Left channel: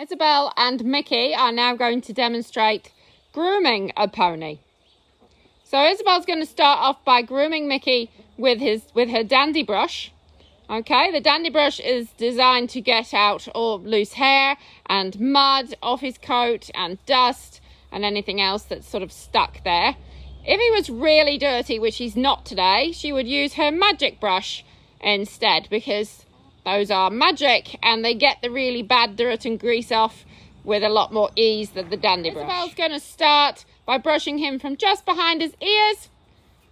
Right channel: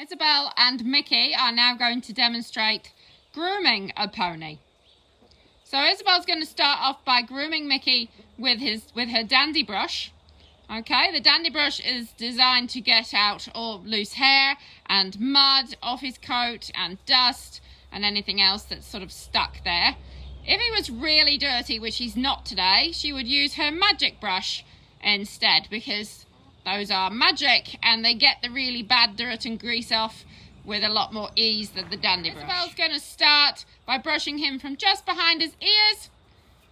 Isabel and Mickey are now going to demonstrate grooming a pony. So Isabel's going to start off by grooming Mickey with her dandy brush. Okay, the dandy brush is designed to get out all loose hair and mud off his coat and dust and anything else that's sort of stuck there. If he was really dirty, which he's not today, she would use her magic brush instead, because those are magic and they get the really bad dirt and grease off with a lot more ease than the dandy brush. Isabel's going to start by brushing him from just behind his ears,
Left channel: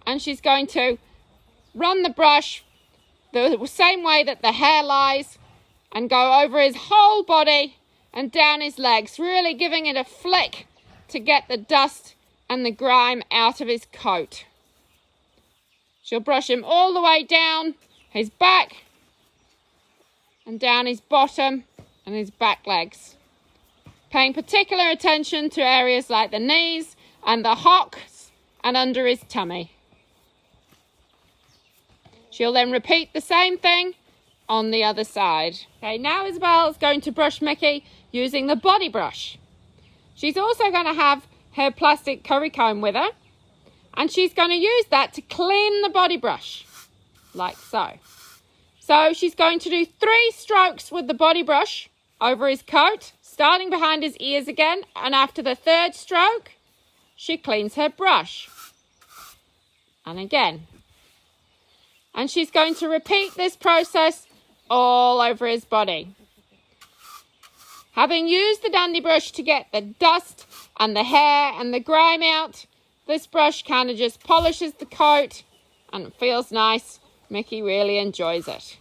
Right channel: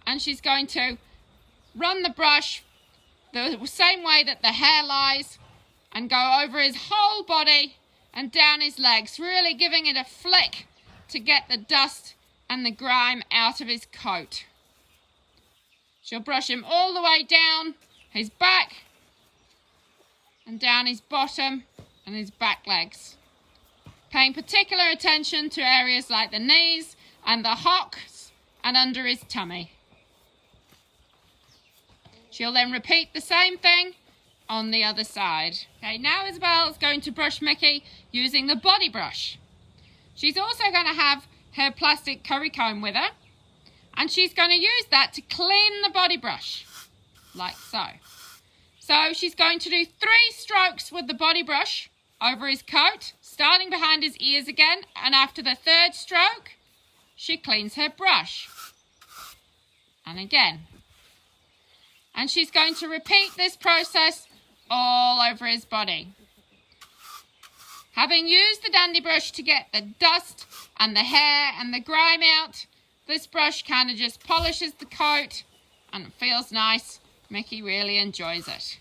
and she's going to run the brush the same way that the hair lies and go over his whole body and down his legs, really giving it a flick to get the dust and the grime out of his coat. She'll brush him all the way down his back and down his bottom and his back legs, paying particular attention to areas like the knees and the hocks and under his tummy. She'll then repeat the same thing on the other side. Okay, now Isabel is going to brush Mickey using the body brush. She's also going to have her plastic curry comb with her, and she's going to use that to clean the body brush, like so. So she's going to do 3 strokes with the body brush over his coat, starting behind his ears again, and after the 3rd stroke, she cleans her brush. And again. And she's going to repeat this process all over his body. Having used the dandy brush to get the dust and the hair and the grime out, this brush kind of just polishes the coat and it feels nice. Mickey really enjoys it.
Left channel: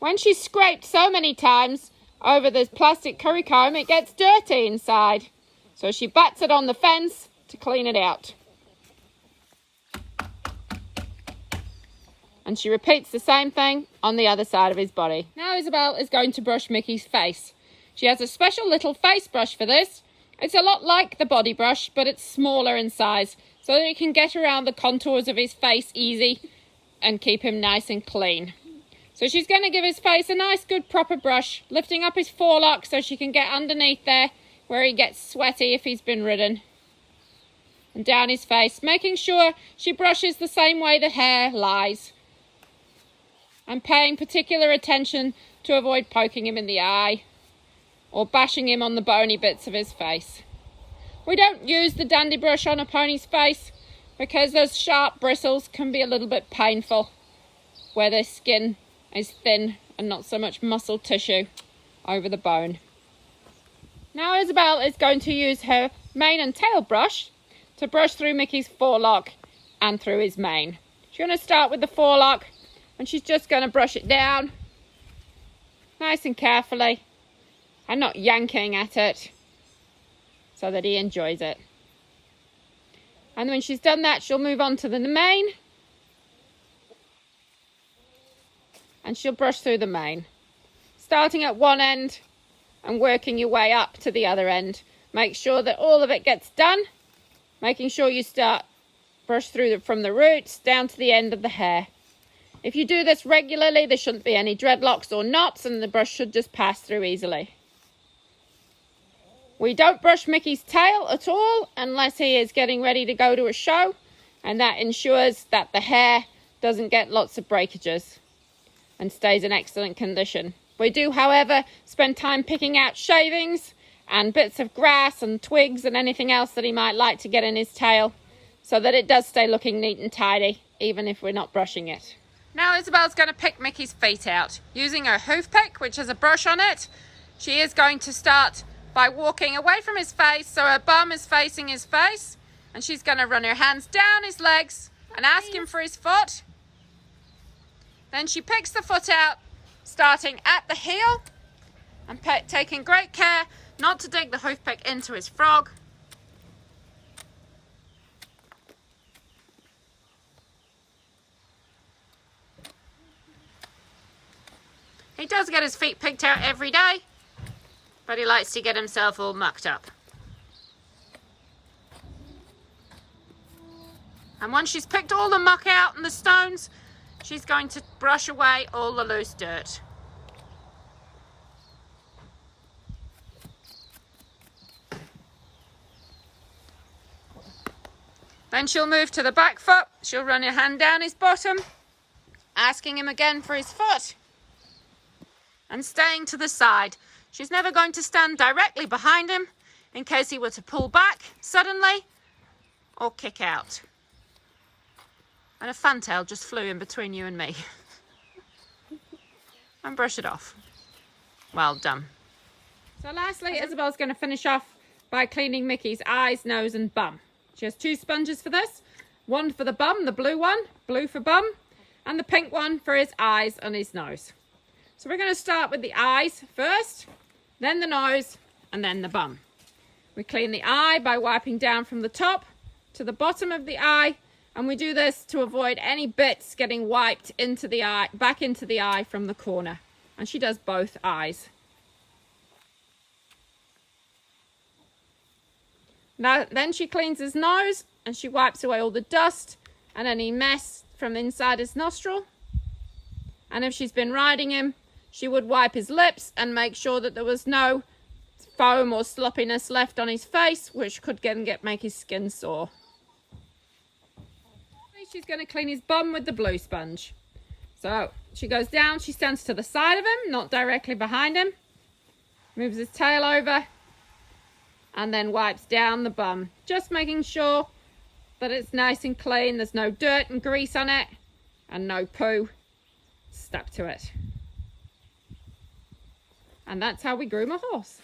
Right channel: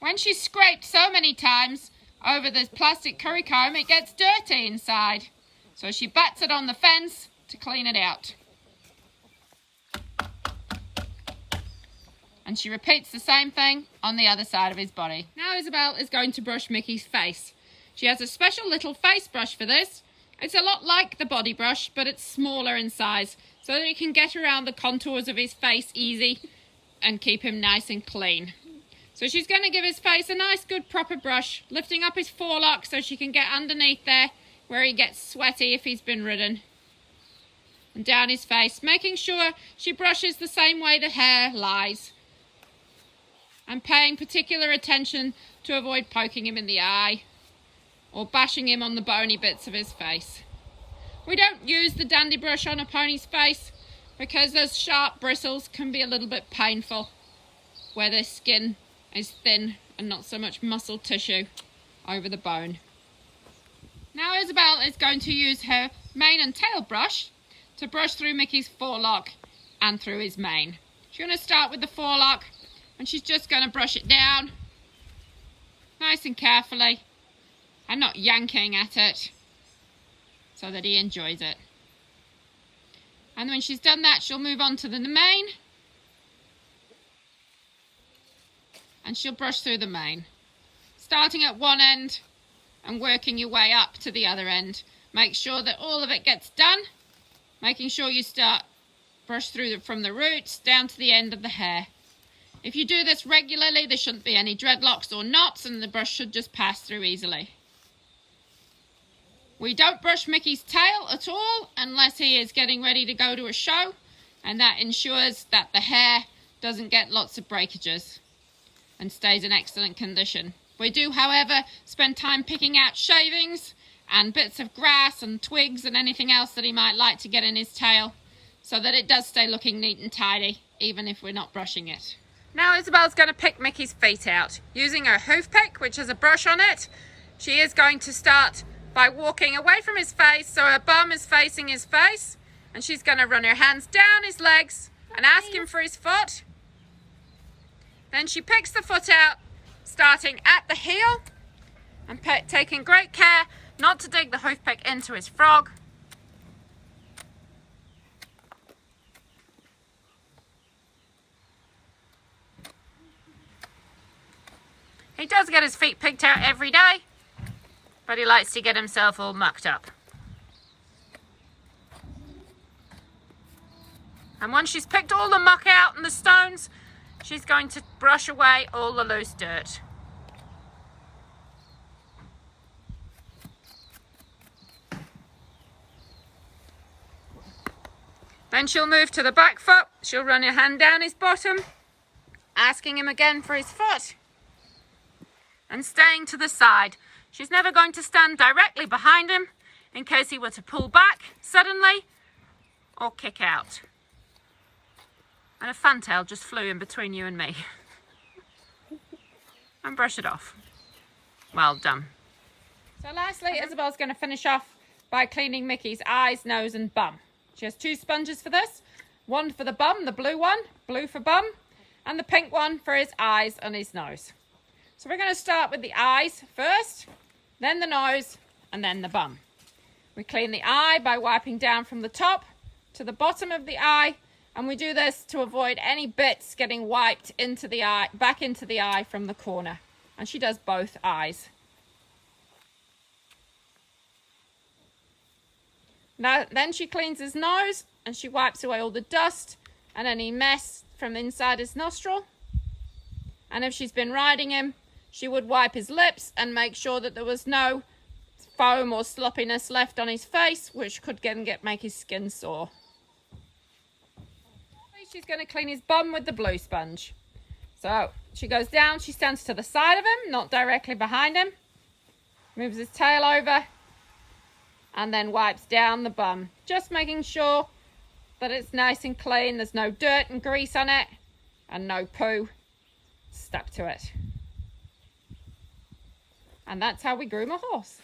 When she's scraped so many times over the plastic curry comb, it gets dirty inside. So she bats it on the fence to clean it out. And she repeats the same thing on the other side of his body. Now Isabel is going to brush Mickey's face. She has a special little face brush for this. It's a lot like the body brush, but it's smaller in size, so that it can get around the contours of his face easy and keep him nice and clean. So she's going to give his face a nice, good, proper brush, lifting up his forelock so she can get underneath there where he gets sweaty if he's been ridden. And down his face, making sure she brushes the same way the hair lies. And paying particular attention to avoid poking him in the eye or bashing him on the bony bits of his face. We don't use the dandy brush on a pony's face because those sharp bristles can be a little bit painful where their skin is thin and not so much muscle tissue over the bone. Now Isabel is going to use her mane and tail brush to brush through Mickey's forelock and through his mane. She's going to start with the forelock, and she's just going to brush it down nice and carefully and not yanking at it so that he enjoys it. And when she's done that, she'll move on to the mane, and she'll brush through the mane, starting at one end and working your way up to the other end. Make sure that all of it gets done, making sure you brush through from the roots down to the end of the hair. If you do this regularly, there shouldn't be any dreadlocks or knots, and the brush should just pass through easily. We don't brush Mickey's tail at all unless he is getting ready to go to a show, and that ensures that the hair doesn't get lots of breakages and stays in excellent condition. We do, however, spend time picking out shavings and bits of grass and twigs and anything else that he might like to get in his tail, so that it does stay looking neat and tidy, even if we're not brushing it. Now Isabel's going to pick Mickey's feet out. Using her hoof pick, which has a brush on it, she is going to start by walking away from his face so her bum is facing his face, and she's going to run her hands down his legs and ask him for his foot. Then she picks the foot out, starting at the heel and taking great care not to dig the hoof pick into his frog. He does get his feet picked out every day, but he likes to get himself all mucked up. And once she's picked all the muck out and the stones, she's going to brush away all the loose dirt. Then she'll move to the back foot. She'll run her hand down his bottom, asking him again for his foot, and staying to the side. She's never going to stand directly behind him in case he were to pull back suddenly or kick out. And a fantail just flew in between you and me. And brush it off. Well done. So lastly, Isabel's going to finish off by cleaning Mickey's eyes, nose and bum. She has 2 sponges for this. One for the bum, the blue one, blue for bum, and the pink one for his eyes and his nose. So we're going to start with the eyes first, then the nose, and then the bum. We clean the eye by wiping down from the top to the bottom of the eye, and we do this to avoid any bits getting wiped into the eye, back into the eye from the corner. And she does both eyes. Now, then she cleans his nose and she wipes away all the dust and any mess from inside his nostril. And if she's been riding him, she would wipe his lips and make sure that there was no foam or sloppiness left on his face, which could make his skin sore. She's going to clean his bum with the blue sponge. So she goes down, she stands to the side of him, not directly behind him, moves his tail over, and then wipes down the bum, just making sure that it's nice and clean. There's no dirt and grease on it and no poo stuck to it. And that's how we groom a horse.